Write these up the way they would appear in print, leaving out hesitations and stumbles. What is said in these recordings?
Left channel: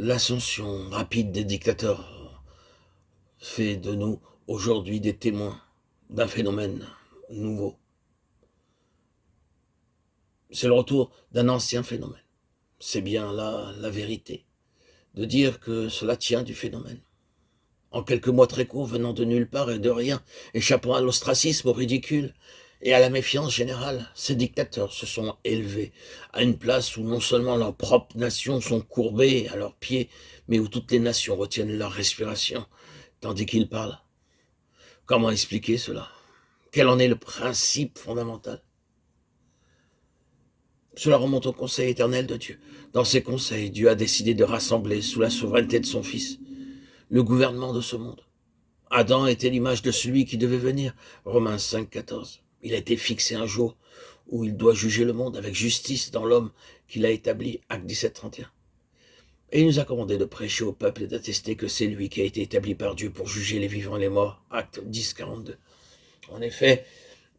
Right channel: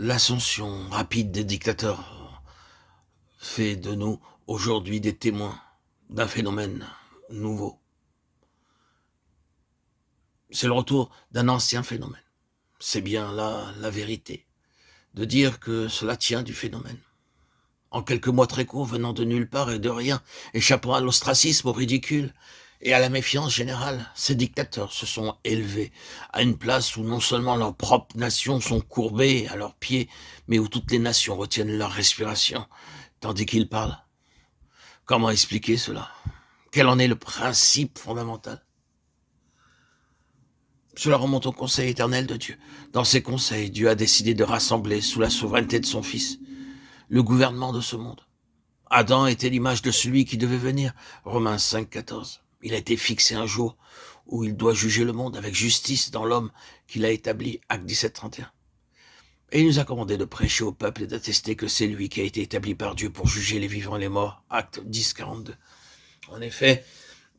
L'ascension rapide des dictateurs fait de nous aujourd'hui des témoins d'un phénomène nouveau. C'est le retour d'un ancien phénomène. C'est bien là la vérité, de dire que cela tient du phénomène. En quelques mois très courts, venant de nulle part et de rien, échappant à l'ostracisme, au ridicule et à la méfiance générale, ces dictateurs se sont élevés à une place où non seulement leurs propres nations sont courbées à leurs pieds, mais où toutes les nations retiennent leur respiration, tandis qu'ils parlent. Comment expliquer cela? Quel en est le principe fondamental? Cela remonte au conseil éternel de Dieu. Dans ces conseils, Dieu a décidé de rassembler sous la souveraineté de son Fils le gouvernement de ce monde. Adam était l'image de celui qui devait venir. Romains 5, 14. Il a été fixé un jour où il doit juger le monde avec justice dans l'homme qu'il a établi. Acte 17, 31. Et il nous a commandé de prêcher au peuple et d'attester que c'est lui qui a été établi par Dieu pour juger les vivants et les morts. Acte 10, 42. En effet,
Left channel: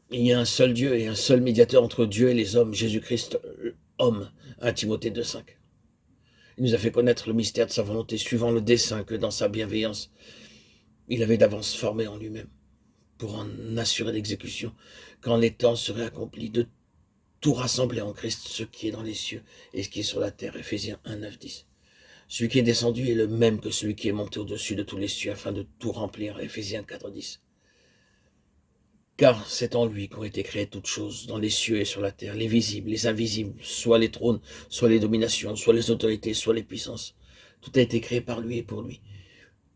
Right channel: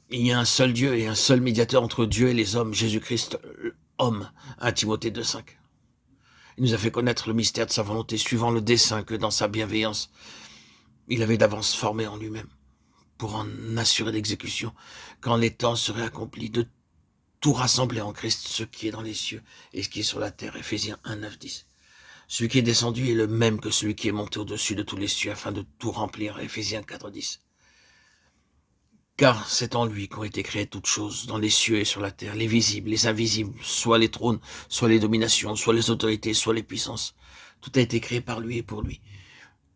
il y a un seul Dieu et un seul médiateur entre Dieu et les hommes, Jésus-Christ, homme. 1 Timothée 2, 5. Il nous a fait connaître le mystère de sa volonté, suivant le dessein que dans sa bienveillance, il avait d'avance formé en lui-même, pour en assurer l'exécution, quand les temps seraient accomplis, de tout rassembler en Christ, ce qui est dans les cieux et ce qui est sur la terre. Éphésiens 1, 9, 10. Celui qui est descendu est le même que celui qui est monté au-dessus de tous les cieux, afin de tout remplir. Éphésiens 4, 10. Car c'est en lui qu'ont été créées toutes choses, dans les cieux et sur la terre, les visibles, les invisibles, soit les trônes, soit les dominations, soit les autorités, soit les puissances. Tout a été créé par lui et pour lui.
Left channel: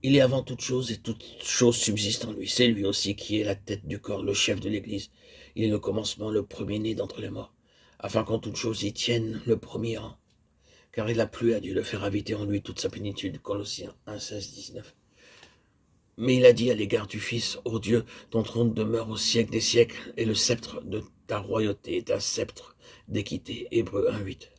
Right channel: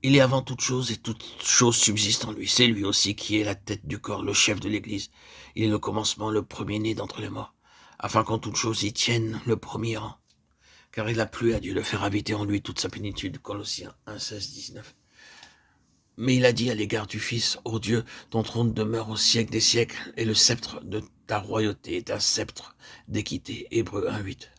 Il est avant toute chose et toute chose subsiste en lui. C'est lui aussi qui est la tête du corps, le chef de l'Église. Il est le commencement, le premier-né d'entre les morts, afin qu'en toute chose il tienne le premier rang. Car il a plu à Dieu de faire habiter en lui toute sa plénitude. Colossiens 1, 16, 19. Mais il a dit à l'égard du Fils, ô Dieu, ton trône demeure au siècle des siècles, et le sceptre de ta royauté est un sceptre d'équité. Hébreux 1, 8.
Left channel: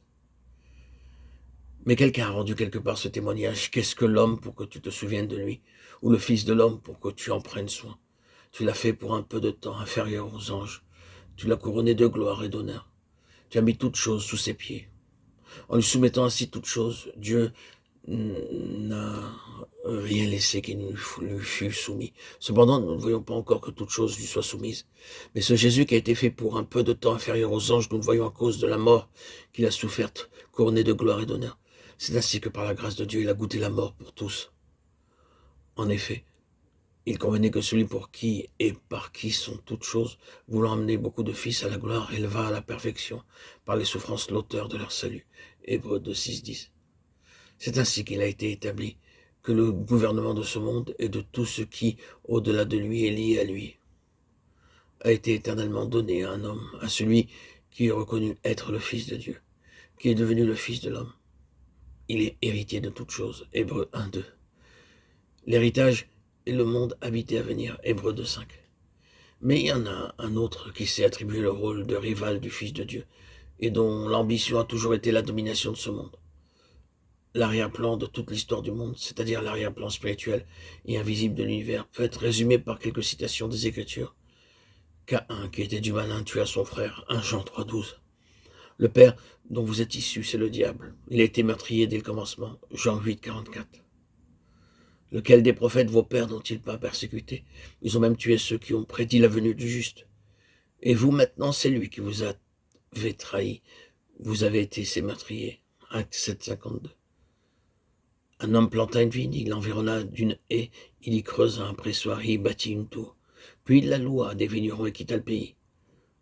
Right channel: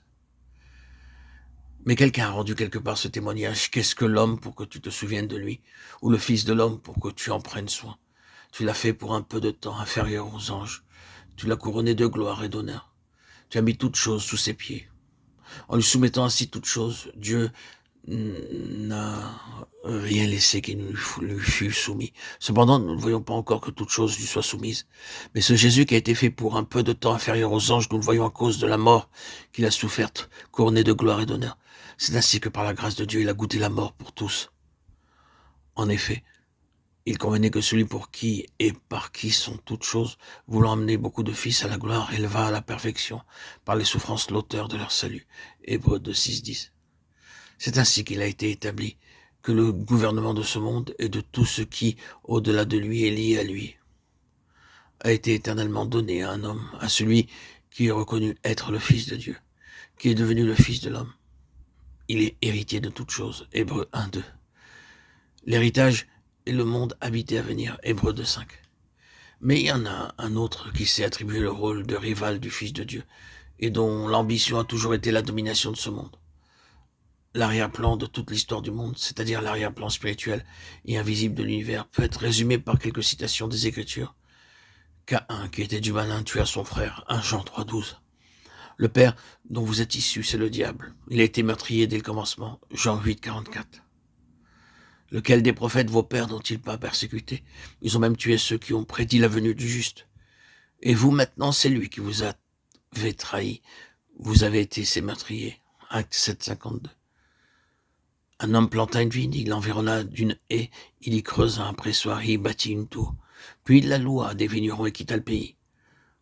Mais quelqu'un a rendu quelque part ce témoignage. Qu'est-ce que l'homme pour que tu te souviennes de lui? Ou le Fils de l'homme pour que tu en prennes soin? Tu l'as fait pour un peu de temps inférieur aux anges. Tu l'as couronné de gloire et d'honneur. Tu as mis toutes choses sous ses pieds. En lui soumettant ainsi toutes choses, Dieu n'a rien laissé qui ne lui fût soumis. Cependant, nous ne voyons pas encore que toute chose lui soit soumise. Mais ce Jésus qui a été fait pour un peu de temps inférieur aux anges, nous le voyons à cause de la mort qu'il a soufferte, couronné de gloire et d'honneur. C'est ainsi que par la grâce de Dieu, il a goûté la mort pour tous. En effet, il convenait que celui pour qui et par qui sont toutes choses, voulant amener beaucoup de fils à la gloire, éleva à la perfection, par les souffrances l'auteur de leur salut. Hébreux 2, 6, 10. C'est ainsi qu'il a été établi que le gouvernement de ce monde et de tout ce qui, au-delà de lui, est lié à lui, a été éternellement donné à un homme, à celui qui est reconnu être le Fils de Dieu, qui est devenu le Fils de l'homme. Il est héritier de toutes choses. Hébreux 1, 2. L'héritage est le monde habité à venir. Hébreux 2, 5. Mais il y en a un autre qui s'est attribué le rôle de rival du Fils de Dieu et dont l'ambition a toujours été la domination de ce monde. L'arrière-plan de toute l'histoire du monde, c'est-à-dire l'arrière-plan spirituel et invisible de l'univers, peut être résumé par quelques citations des Écritures. Caïn, qui était du malin, tua son frère. 1 Jean 3, 12. Le père dont vous êtes issus, c'est le diable. Il a été meurtrier dès le commencement. Jean 8, 44. Lequel des prophètes vos pères n'ont-ils pas persécuté? Ils ont même tué ceux qui ont prédit la venue du juste. Et vous, maintenant, c'est lui qui vous avez trahi. Vous avez été ses meurtriers. Acte 7, 52. Un homme planta une vigne, il l'environna d'une haie, il y creusa un pressoir et y bâtit une tour. Puis il la loua à des vignerons et quitta le pays.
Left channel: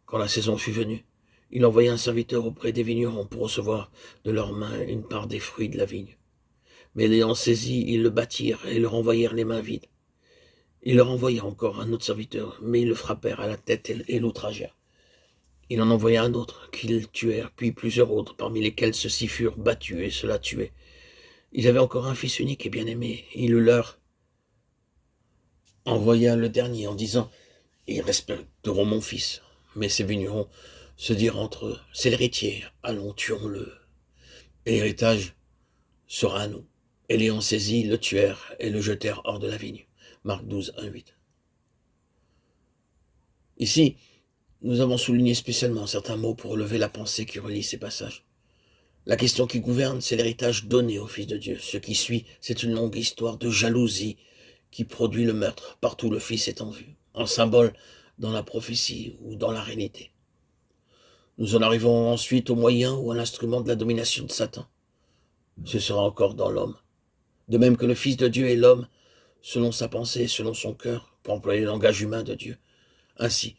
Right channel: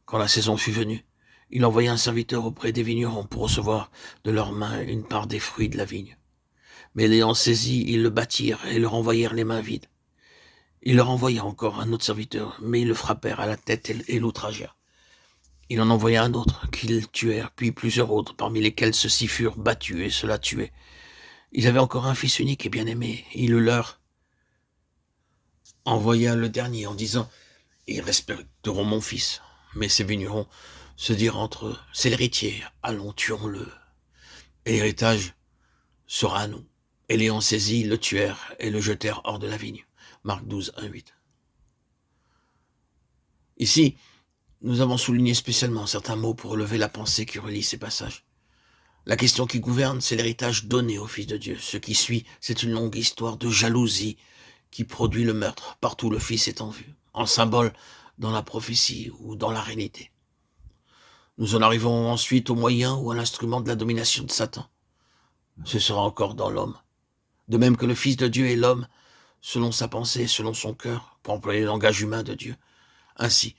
Quand la saison fut venue, il envoya un serviteur auprès des vignerons pour recevoir de leurs mains une part des fruits de la vigne. Mais l'ayant saisi, ils le battirent et le renvoyèrent les mains vides. Il leur envoya encore un autre serviteur, mais ils le frappèrent à la tête et l'outragèrent. Il en envoya un autre, qu'ils tuèrent, puis plusieurs autres, parmi lesquels ceux-ci furent battus et ceux-là tués. Ils avaient encore un fils unique et bien-aimé. Il le leur envoya le dernier en disant « Ils respecteront mon fils. » Mais ces vignerons se dirent entre eux « C'est l'héritier, allons, tuons-le. Et l'héritage sera à nous. » Et l'ayant saisi, le tuèrent et le jetèrent hors de la vigne. Marc 12, 1, 8. Ici, nous avons souligné spécialement certains mots pour relever la pensée qui relie ces passages. La question qui gouverne, c'est l'héritage donné au Fils de Dieu. Ce qui suit, c'est une longue histoire de jalousie qui produit le meurtre partout où le Fils est en vue, en symbole dans la prophétie ou dans la réalité. Nous en arrivons ensuite au moyen ou à l'instrument de la domination de Satan. Ce sera encore dans l'homme. De même que le Fils de Dieu est l'homme, selon sa pensée, selon son cœur, pour employer le langage humain de Dieu. Ainsi,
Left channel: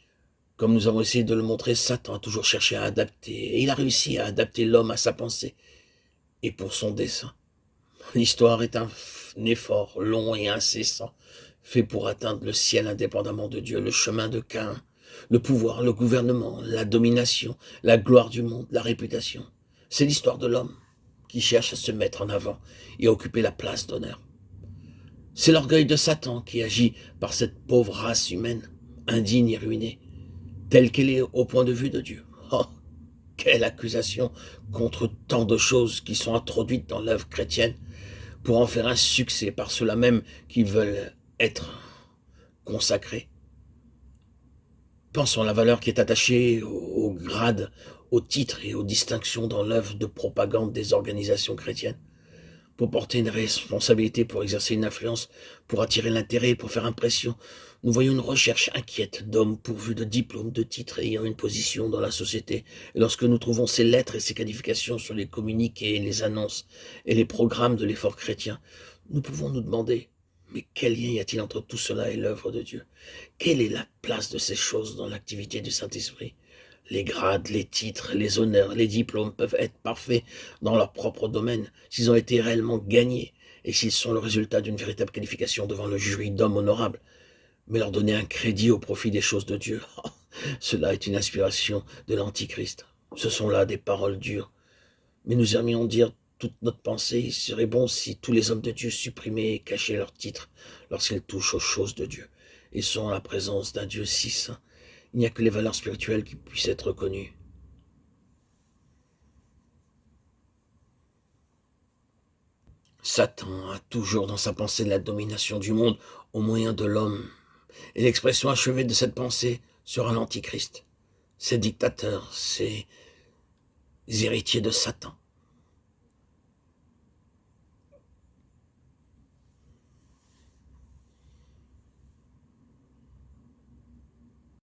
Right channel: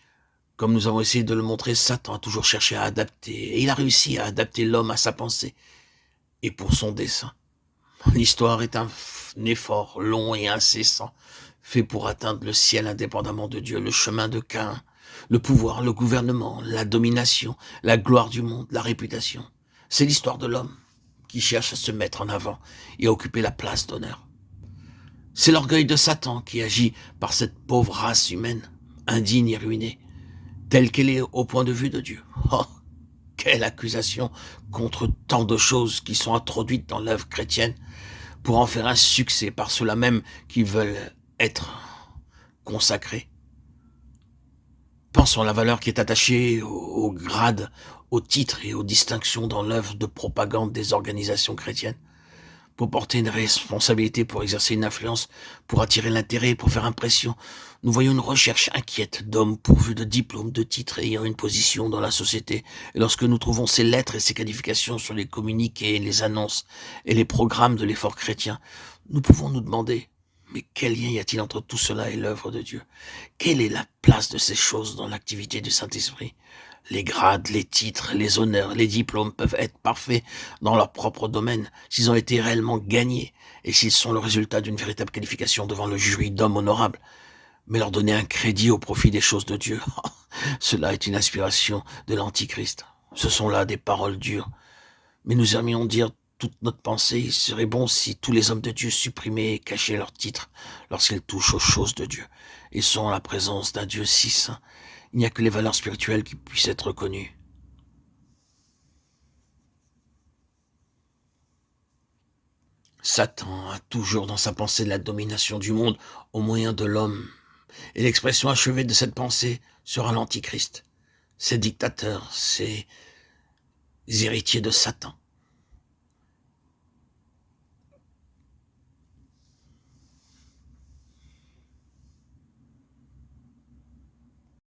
comme nous avons essayé de le montrer, Satan a toujours cherché à adapter, et il a réussi à adapter l'homme à sa pensée et pour son dessein. L'histoire est un effort long et incessant, fait pour atteindre le ciel indépendamment de Dieu, le chemin de Caïn, le pouvoir, le gouvernement, la domination, la gloire du monde, la réputation. C'est l'histoire de l'homme qui cherche à se mettre en avant et à occuper la place d'honneur. C'est l'orgueil de Satan qui agit par cette pauvre race humaine, indigne et ruinée, telle qu'elle est au point de vue de Dieu. Oh, quelle accusation contre tant de choses qui sont introduites dans l'œuvre chrétienne pour en faire un succès par ceux-là même qui veulent être consacrés. Pensons à la valeur qui est attachée au grade, au titre et aux distinctions dans l'œuvre de propagande des organisations chrétiennes. Pour porter une responsabilité, pour exercer une influence, pour attirer l'intérêt, pour faire impression. Nous voyons une recherche inquiète d'hommes pourvus de diplômes, de titres et ayant une position dans la société. Et lorsque nous trouvons ces lettres et ces qualifications sur les communiqués, les annonces et les programmes de l'effort chrétien, nous pouvons nous demander, mais quel lien y a-t-il entre tout cela et l'œuvre de Dieu? Quelle est la place de ces choses dans l'activité du Saint-Esprit? Les grades, les titres, les honneurs, les diplômes peuvent être parfaits dans leur propre domaine s'ils ont été réellement gagnés et s'ils sont le résultat d'une véritable qualification devant le jury d'hommes honorables. Mais leur donner un crédit au profit des choses de Dieu, cela est une inspiration de l'Antichrist. Ce sont là des paroles dures. Mais nous aimerions dire toute notre pensée, il serait bon si tous les hommes de Dieu supprimaient et cachaient leurs titres lorsqu'ils touchent aux choses de Dieu et sont en la présence d'un Dieu si saint. Il n'y a que les valeurs spirituelles qui puissent être reconnues. Satan a toujours dans sa pensée la domination du monde au moyen de l'homme. Et l'expression achevée de cette pensée sera l'Antichrist. Ces dictateurs, ces héritiers de Satan.